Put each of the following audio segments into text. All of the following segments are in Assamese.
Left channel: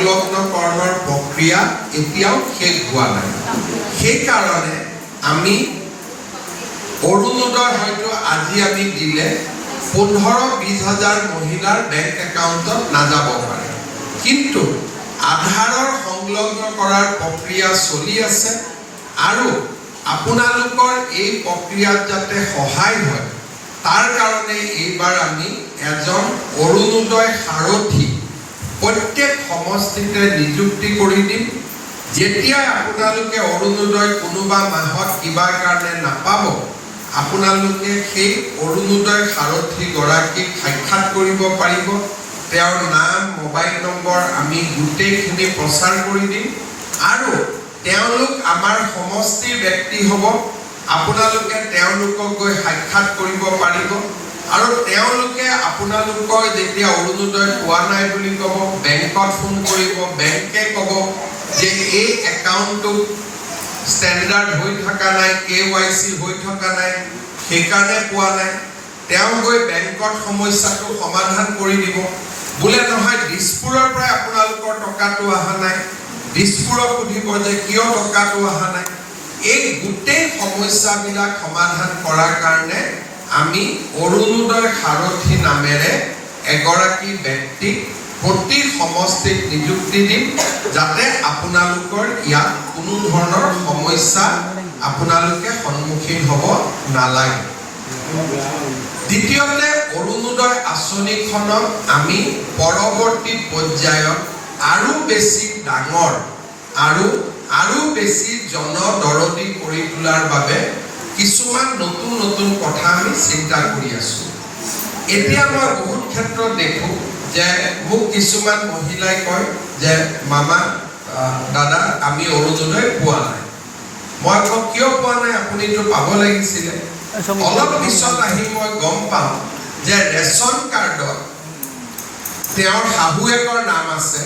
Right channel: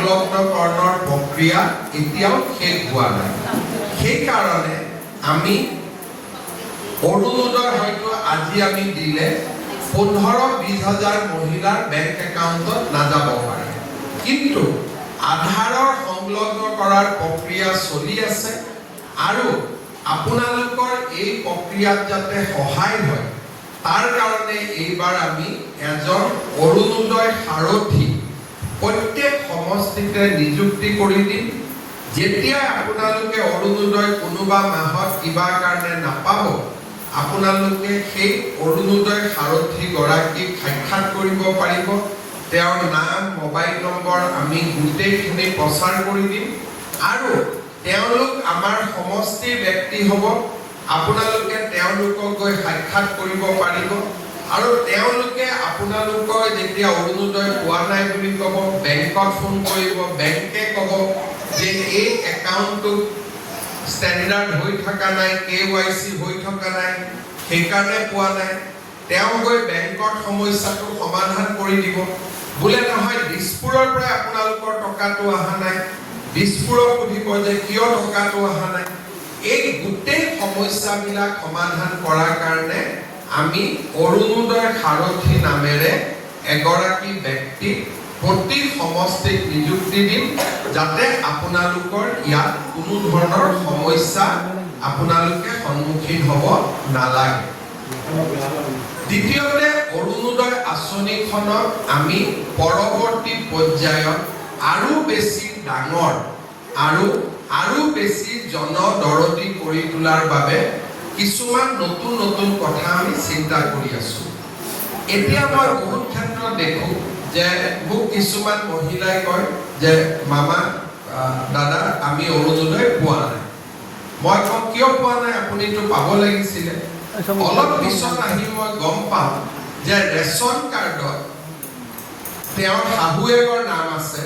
সংলগ্নকৰণৰ প্ৰক্ৰিয়া এতিয়াও শেষ হোৱা নাই। সেইকাৰণে আমি অৰুণোদয় হয়তো আজি আমি দিলে 15-20 হাজাৰ মহিলাৰ বেংক একাউণ্টত নাযাব পাৰে, কিন্তু আধাৰৰ সংলগ্ন কৰাৰ প্ৰক্ৰিয়া চলি আছে আৰু আপোনালোকৰ এই প্ৰক্ৰিয়াত যাতে সহায় হয় তাৰ কাৰণে এইবাৰ আমি এজন অৰুণোদয় সাৰথী প্ৰত্যেক সমষ্টিতে নিযুক্তি কৰি দিম। যেতিয়া আপোনালোকে অৰুণোদয় কোনোবা মাহত কিবা কাৰণে নাপাব, আপোনালোকে সেই অৰুণোদয় সাৰথী গৰাকীক সাক্ষাৎ কৰিব পাৰিব। তেওঁৰ নাম, মোবাইল নম্বৰ আমি গোটেইখিনি প্ৰচাৰ কৰি দিম আৰু তেওঁলোক আমাৰ সমষ্টিৰ ব্যক্তি হ'ব। আপোনালোকে তেওঁলোকক গৈ সাক্ষাৎ কৰিব পাৰিব আৰু তেওঁলোকে আপোনালোকৰ যেতিয়া অৰুণোদয় পোৱা নাই বুলি ক'ব, বেংকত ফোন কৰিব, বেংকে ক'ব যে এই একাউণ্টটো ষ্টেণ্ডাৰ্ড হৈ থকা নাই, KYC হৈ থকা নাই, সেইকাৰণে পোৱা নাই। তেওঁ গৈ বেংকত সমস্যাটো সমাধান কৰি দিব। বোলে নহয় দিছপুৰৰ পৰা আপোনালোকৰ টকাটো অহা নাই, দিছপুৰক সুধিব যে কিয় টকাটো অহা নাই। এই গোটেই সমস্যাবিলাক সমাধান কৰাৰ কাৰণে আমি অৰুণোদয় সাৰথী নামেৰে এগৰাকী ব্যক্তিক প্ৰতি সমষ্টিত নিযুক্তি দিম, যাতে আপোনালোকৰ ইয়াত কোনো ধৰণৰ সমস্যা আপোনালোকে সন্মুখীন হ'ব নালাগে। দ্বিতীয়তে, অৰুণোদয় আঁচনিখনক আমি পৰৱৰ্তী পৰ্যায়ত আৰু বেছি ডাঙৰ আৰু বেছি জনদৰদী কৰি তোলাৰ বাবে কিছুমান নতুন নতুন কথা আমি চিন্তা কৰি আছো। এতিয়া মই বহুত ক্ষেত্ৰত দেখোঁ যে মোক কিছুমান মহিলাই কয় যে মামা, দাদা আমি অৰুণোদয় পোৱা নাই। মই কওঁ কিয় পোৱা নাই, আপুনিতো পাব লাগিছিলে। অলপ পিছত আহি মই গম পাওঁ যে ৰেচন কাৰ্ডত তেওঁৰ শাহুৱেকৰ নাম আছে,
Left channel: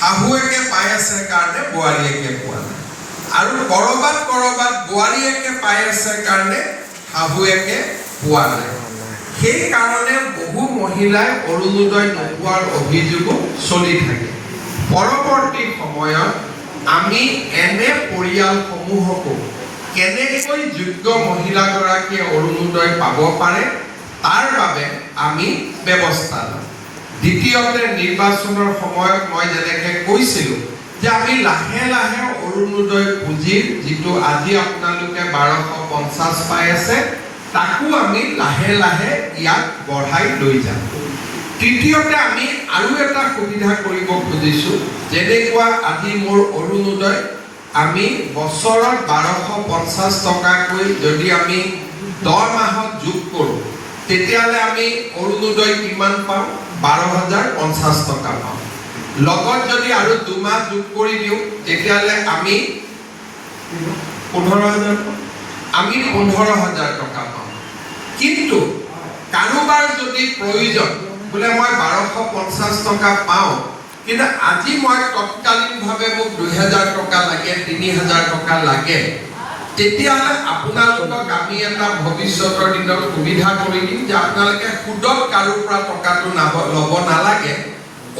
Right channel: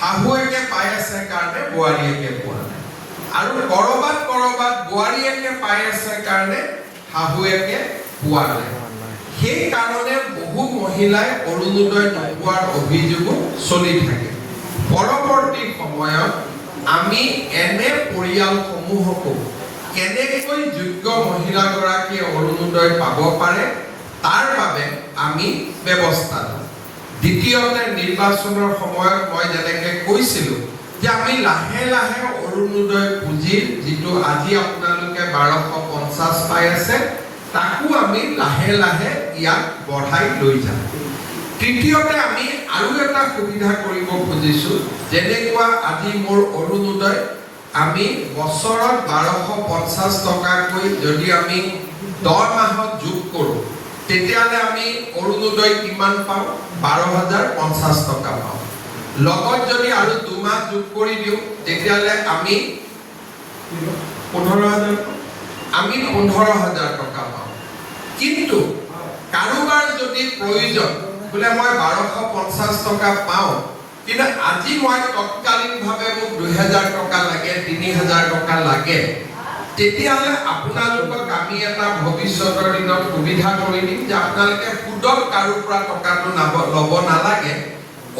শাহুৱেকে পাই আছে কাৰণে বোৱাৰীয়েকে পোৱা নাই, আৰু কৰবাত বোৱাৰীয়েকে পাই আছে কাৰণে শাহুৱেকে পোৱা নাই। সেইকাৰণে বহু মহিলাই অৰুণোদয় নোপোৱাৰ অভিযোগো চলি থাকে। পৰৱৰ্তী সময়ত আমি এনে পৰিয়ালসমূহকো কেনেকৈ যোগ্য মহিলাগৰাকীয়ে অৰুণোদয় পাব পাৰে তাৰ বাবে আমি ব্যৱস্থা লওঁ। দ্বিতীয়তে, নিৰ্বাচনৰ সময়ত মই যেনেকৈ কৈছিলোঁ যে আমি লাহে লাহে অৰুণোদয় পুঁজিৰ যিটো আজি আপোনালোকে 1250 পাই আছে, তাকো আমি লাহে লাহে ইয়াক বঢ়াই লৈ যাম। তৃতীয়তে, আমি আৰু এটা সুবিধা কৰিব খুজিছোঁ, যেনেকুৱা আজি মোৰ অৰুণোদয় আমি বছৰত 1250 টকাকৈ যদি আমি 10 মাহত যোগ কৰোঁ, তেতিয়াহ'লে আমি অৰুণোদয় কিমান পাওঁ? 12,050 টকা পাওঁ। লগত যদি আৰু 2 মাহ যোগ কৰি দিওঁ, তেতিয়াহ'লে আমি 15,000 টকা পাওঁ। কিন্তু কাৰোবাৰ যদি প্ৰয়োজন বোলে মই 1250 টকা পাওঁ, কিন্তু আজি মই তৎকালীনভাৱে মোক 2000 টকা লাগে, 3000 টকা লাগে, তেতিয়াহ'লে আপোনালোকক আমি এটা ভৱিষ্যতৰ দিনত সুবিধা কৰি দিম যে আপোনালোকে সুদত কাৰোৰ পৰা টকাটো ল'ব নালাগে।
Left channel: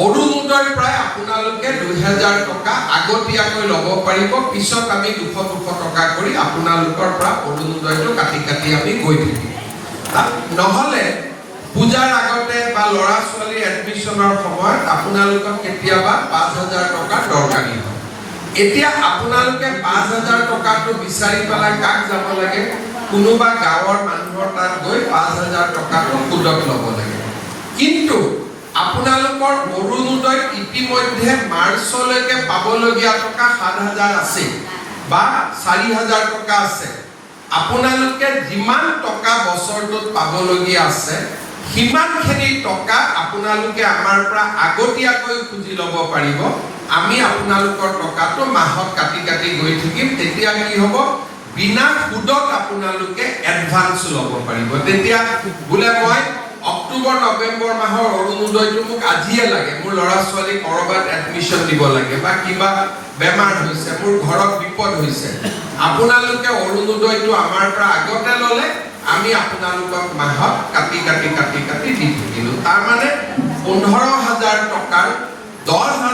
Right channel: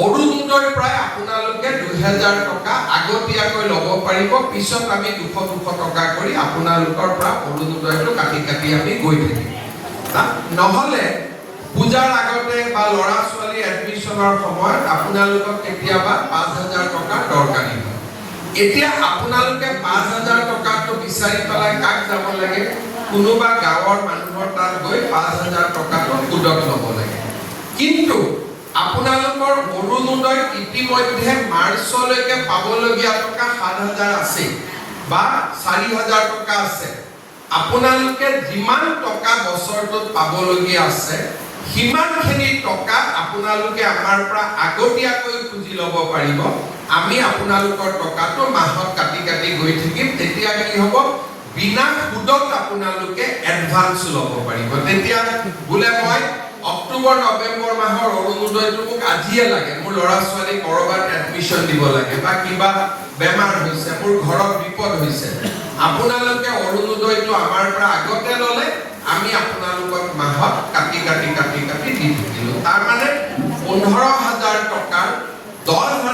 অৰুণোদয়ৰ পৰাই আপোনালোকে 2000 টকা আগতীয়াকৈ ল'ব পাৰিব। পিছত আমি 200 টকা কৰি আপোনালোকৰ পৰা অৰুণোদয়টো কাটি আমি গৈ থাকিম। নহ'লে পূজাৰ আগতে বা ল'ৰা ছোৱালী এডমিশ্যনৰ সময়ত আপোনালোকক কেতিয়াবা 5000 টকা দৰকাৰী হয়। এতিয়া আপোনালোকে 5000 টকাটো বিচাৰি পেলাই কাক যাব লাগে? কোনোবা গাঁৱৰ মানুহৰ তাত গৈ 5000 টকাটো সুদত ল'ব লাগে। কিন্তু আপোনালোকৰ অৰুণোদয় ইতিমধ্যে মাৰ্চলৈকে পাবলগীয়া টকা 7000 আছে বা 4000 টকা আছে। আপোনালোকে যিমান টকা বছৰটোত পাবলগীয়া আছে, সিমানখিনি টকা আপোনালোকে আমাৰ পৰা আগতীয়াকৈ খুজি ল'ব পাৰিব। আমি আপোনালোকৰ টকাটো মাহত কাটি গৈ থাকিম। তেতিয়া কি হ'ব? বিনা সুদত আপোনালোকে এডভান্স ল'ব পাৰিব। তেতিয়া বোলে মই অক্টোবৰ নৱেম্বৰ মাহৰ অৰুণোদয়টো মোক আজিয়ে লাগে, মোৰ ল'ৰা ছোৱালী কৰবাত এডমিশ্যন দিব লাগে বা কিবা বেমাৰ হৈছে, মোৰ ঘৰত বিপদ হৈছে, আপোনালোকে অৰুণোদয়টো আমাৰ পৰা আগতে ল'লে, আমি আপোনালোকক মাহত কাটি দি থাকিলোঁ। তাৰ মানে 15,000 টকাৰ 10,000